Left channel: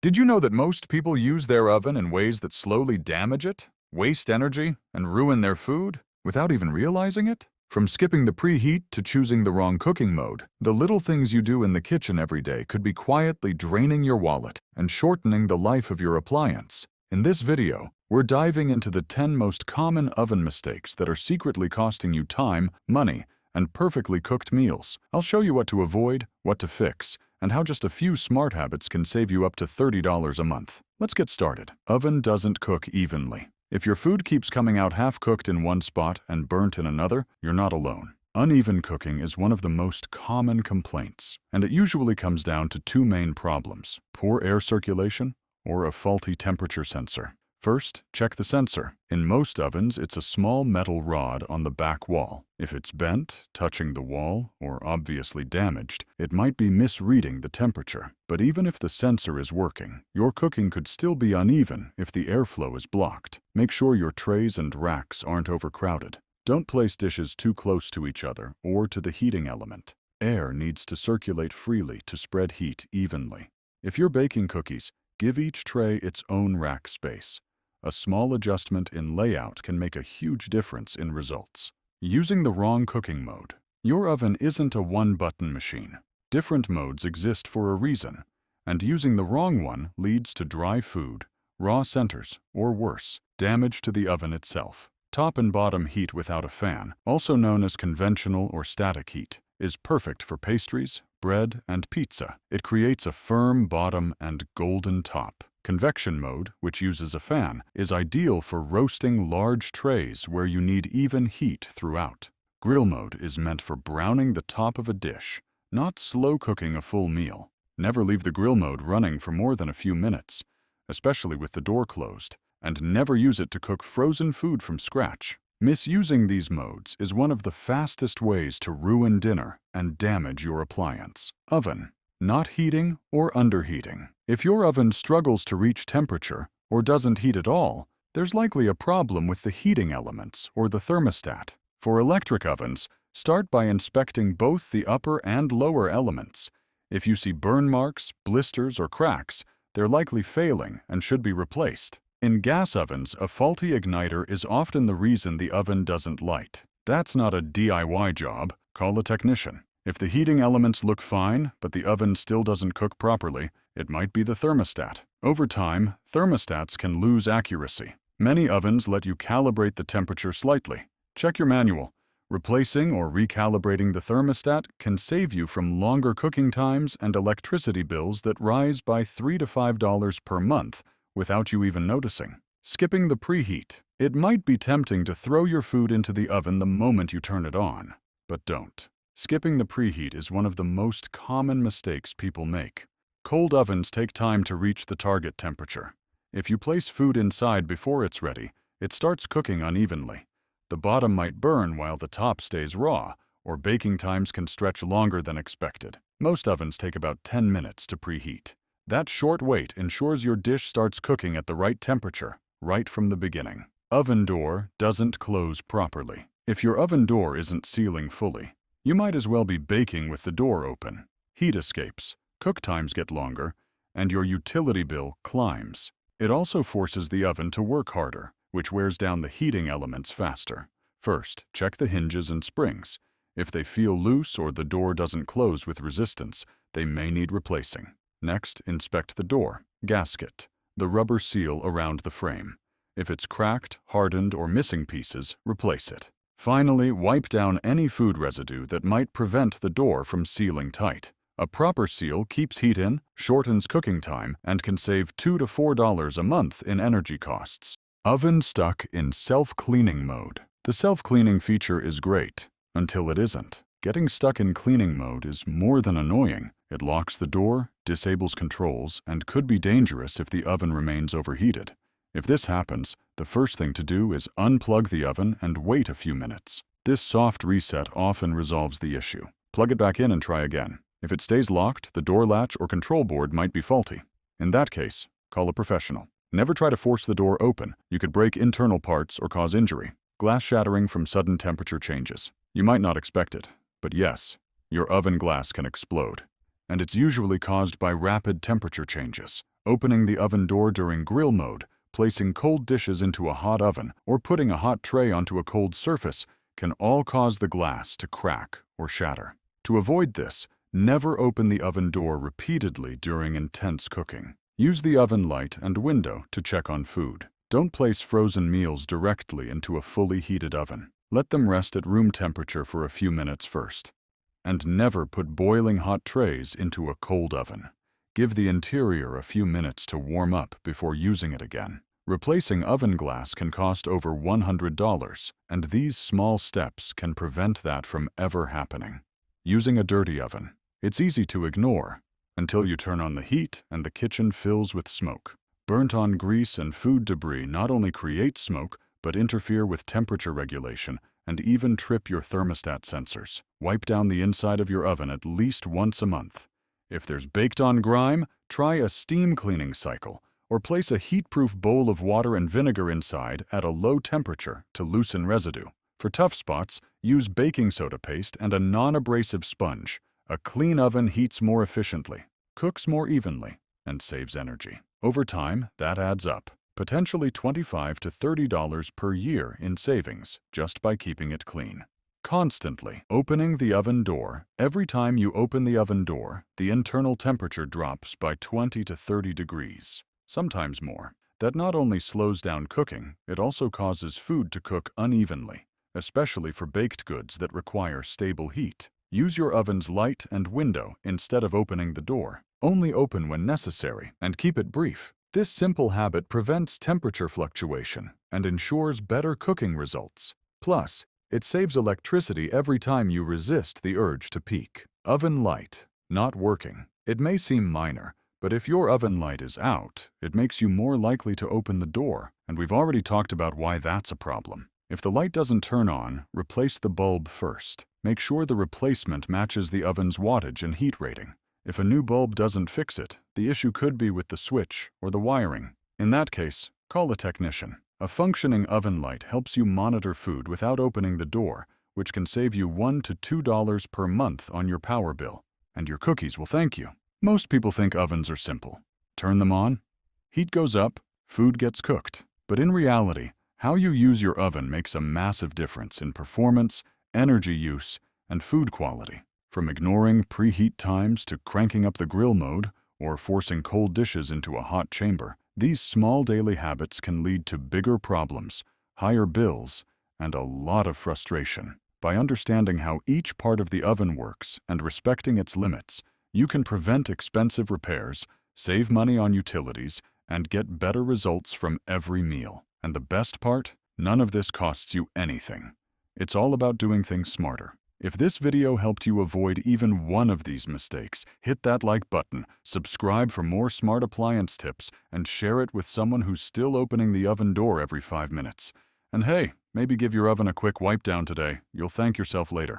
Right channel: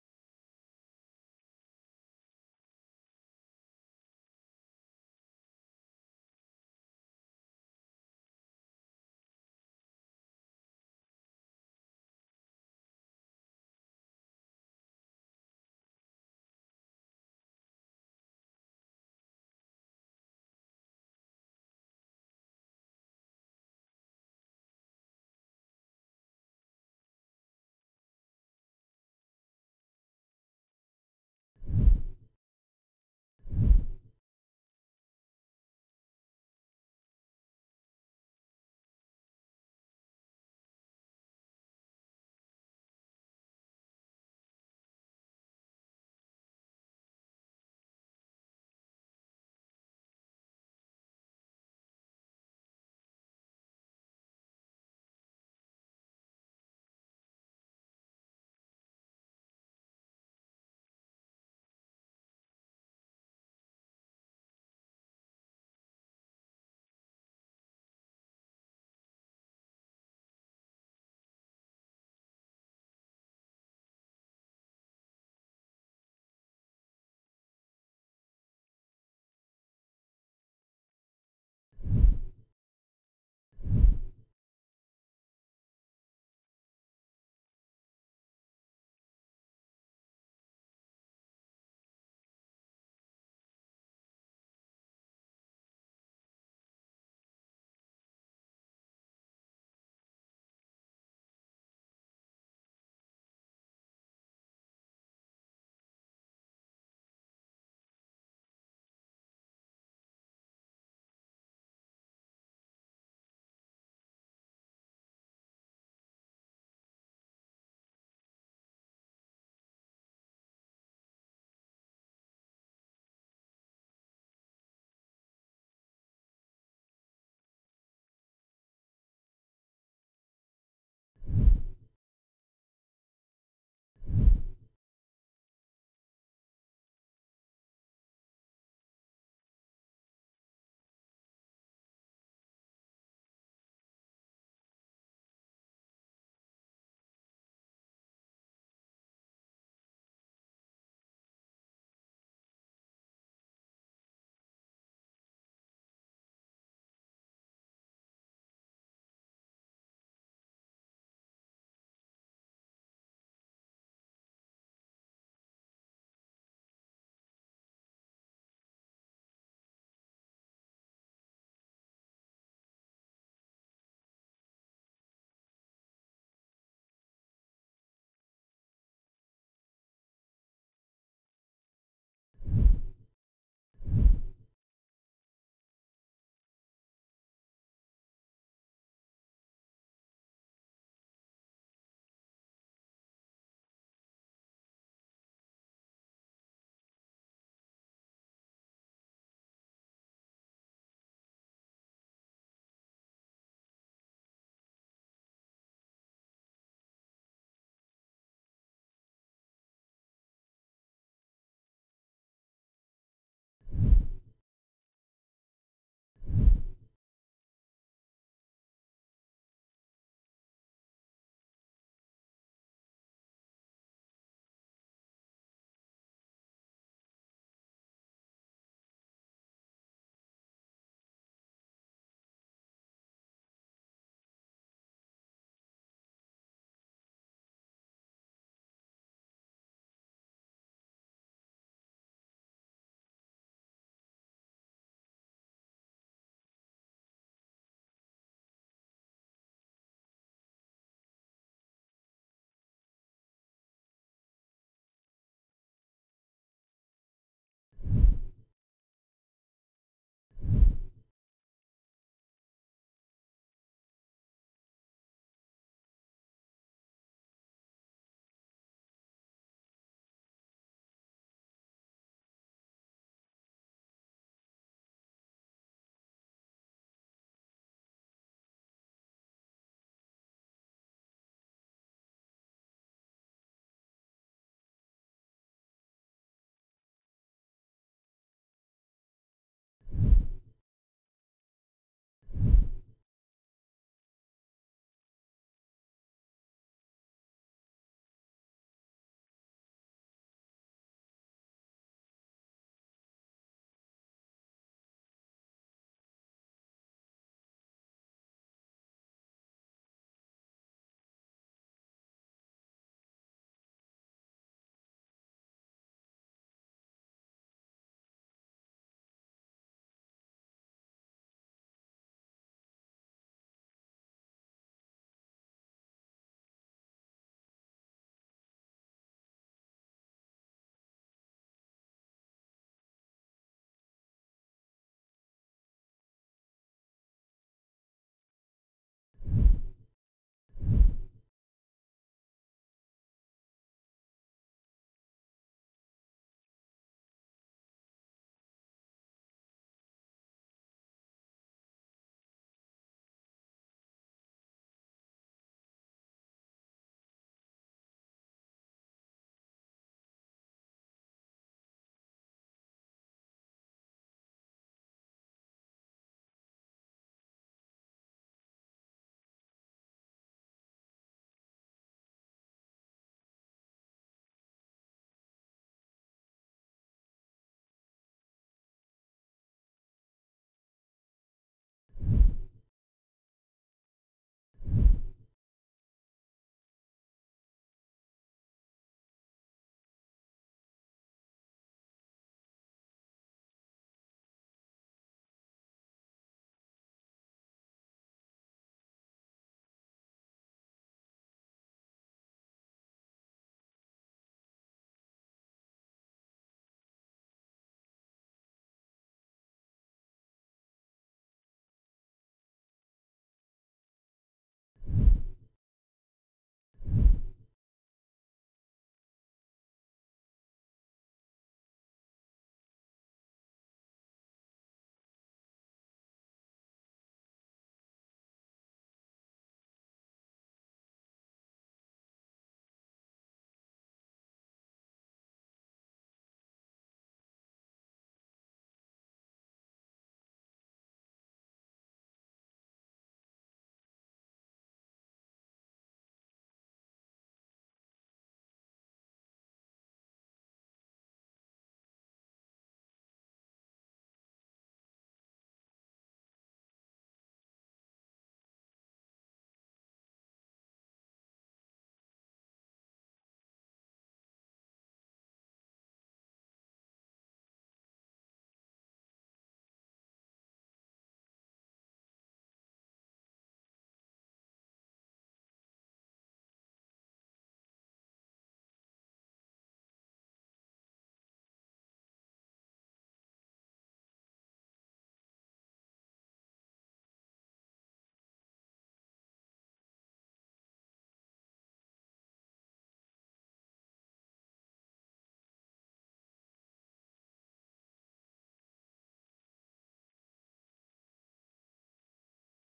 Did you know that most people use their oven in ways that slowly damage it, waste energy, and ruin their food without even realizing it? From skipping the preheat to choosing the wrong cooking mode, the little things you do in the kitchen every day could be quietly draining your wallet and shortening the life of your appliance. In this video, we're diving into the 10 most common oven mistakes that are secretly costing you time, money, and perfectly cooked meals. I'll show you what to avoid, what to fix, and how just a few smart habits can save you up to $30 a month. Let's get started. Oven doesn't cook evenly. If your food keeps coming out half-cooked in one spot and burnt in another, you're not alone. Uneven cooking is one of the most common complaints, and it usually comes down to two main problems: poor air circulation or a faulty temperature sensor. First, check the sensor. In most ovens, it's a small metal rod on the back wall. If it's bent, touching the wall, or obviously damaged, it might be misreading the temperature. But even if the sensor is working, your cooking could still be uneven if the airflow is blocked. Make sure your trays and racks aren't overcrowded. Don't place dishes too close to each other or to the heating element. Air needs to circulate freely to spread heat evenly. If you're baking cookies, give each tray its own rack space. A small adjustment in layout can make a huge difference in results. Using the wrong cooking mode. Your oven isn't a one-button machine. Different modes exist for a reason, and using the wrong one leads to dry food, raw centers, or worse, damage to the oven itself. Top and bottom heat without a fan, also known as conventional or static heat, is perfect for pastries, bread, and pizza. It creates a firm bottom and golden top. Convection mode, which uses a fan, is ideal for roasting large trays where you need even heat throughout. Grill mode is meant for browning the top of a dish, not slow cooking a full meal. Never leave the grill mode running for more than a few minutes, especially with the door closed, and never use it to cook frozen food from scratch. Misusing these modes is one of the fastest ways to ruin dinner and damage your appliance. Oven. Not heating or underheating. If your oven struggles to reach temperature or doesn't heat at all, there's likely a problem with the heating elements or the thermostat. For electric ovens, start by inspecting both the upper and lower elements. If you see burn marks, blisters, or cracks, they're likely failing and should be replaced. In gas ovens, a faulty igniter is often the reason the oven doesn't light. That's not a DIY job. Call a technician. If the heating elements look fine, but the oven still doesn't cook properly, it might be the thermostat. Over time, thermostats can lose accuracy. Many ovens let you calibrate the temperature slightly. Check your manual. Replacing or recalibrating the thermostat can save you from longer cooking times and electricity bills that rise by $3 to $5 per month without you even noticing. Skipping the preheat. It might be tempting to throw your food into the oven the moment you turn it on, but don't. Skipping the preheat is one of the most common mistakes people make. Cold ovens take time to reach the target temperature. If you place food inside before it's ready, it starts cooking unevenly. The bottom might burn while the top stays raw, or baking times can stretch longer than expected. Most ovens take about 10 minutes to preheat. That short wait ensures your dish starts cooking at the right temperature, right from the beginning. Oven door doesn't close properly. If your oven door isn't sealing fully, you might as well be baking with the door open. Heat escapes, cook times get longer, and your utility bill climbs. It also forces the oven to work harder, which wears down the heating elements faster. First, check the hinges and springs. If they feel loose or the door doesn't close with resistance, they may need replacing. Next, inspect the door, gasket, the rubber seal around the frame. If it's cracked, hardened, or missing pieces, replace it. Finally, wipe down any food residue that might prevent the door from sealing tight. A proper seal keeps heat in, shortens cooking time, and can save $2 to $4 a month in energy costs. Oven stuck in self-cleaning mode. The self-cleaning feature is great, until it isn't. Getting stuck in cleaning mode is more than annoying. It locks the door, disables controls, and could be dangerous if the oven remains overheated. If this happens, the first thing to do is unplug the oven and wait a few minutes. This soft reset often resolves the issue. Plug it back in and try again. If it stays locked, the door latch or control board might be faulty. In that case, call a professional. Never try to force the door open. You could break internal parts or cause injury. Glass shattering from sudden temperature changes. You might not expect it, but yes, your oven glass can explode. And it's usually caused by rapid temperature changes. Opening the oven door during grill mode, placing cold dishes into a hot oven, or putting a hot tray onto a cold surface can all cause the glass to crack or shatter. To avoid this, never open the oven door repeatedly during intense cooking. Use the oven light and window to check on food. Don't place frozen meals directly into a fully heated oven. Let them rest at room temperature for a few minutes first. And never put boiling hot trays into a cold oven. Give the interior a few minutes to warm up before using it again. Replacing oven glass can cost over $100, and these small steps can prevent that from ever happening. Using a dirty oven. It's easy to ignore until you turn on the heat and the kitchen fills with smoke. Burnt-on grease and food debris not only create smoke, but interfere with temperature regulation and even trip your thermostat sensors. Wipe down the inside of your oven at least once a month. If there's baked-on grime, try a steam cleaning cycle, or place a heat-proof bowl of water and vinegar inside at a low temperature to loosen residue. For tough spots, use baking soda paste and a non-abrasive sponge. A clean oven heats more efficiently, cooks more evenly, and saves energy. Over time, that adds up, potentially $25 to $30 per year in savings just by keeping it clean. Constantly opening the oven door. Every time you open the oven door, the internal temperature drops by 20 to 30 degrees, sometimes more. That not only slows down cooking, it also causes food to cook unevenly, especially for baked goods that require stable heat. Use your oven's light and window instead of opening the door. Only open when necessary, and keep it brief. This simple habit prevents temperature fluctuation and ensures better cooking results. Plus, it saves electricity every time you resist the urge to peek. Oven light not working. It may seem minor, but if your oven light is out, it makes you more likely to open the door, and we've already talked about why that's a problem. If the light doesn't turn on, replace the bulb first. Make sure the replacement matches the oven's wattage and heat rating. If a new bulb doesn't fix it, the issue could be with the switch or the wiring. In that case, call a technician. A functioning oven light helps you monitor food without opening the door, which can save you $1 to $2 per month on your power bill. And your cookies will thank you. Most people think ovens are simple. Turn them on, heat goes up, food gets cooked. But in reality, how you use your oven makes a massive difference in performance, energy use, and food quality. From ignoring preheat times to cranking up the grill mode or forcing cold dishes into a hot chamber, these small daily habits can lead to bigger problems, higher bills, and a lot of frustration. By understanding how each part of the oven works and respecting its limits, you can prevent expensive repairs, save money on utilities, and get better results from every meal. And the best part? None of this costs you anything. It's all about doing things smarter. If this video helped you avoid even one of these mistakes, hit that like button, subscribe for more smart appliance tips, and share it with someone who's still opening the oven door every 5 minutes. And hey, maybe give your oven a quick wipe down today. You'll thank yourself later.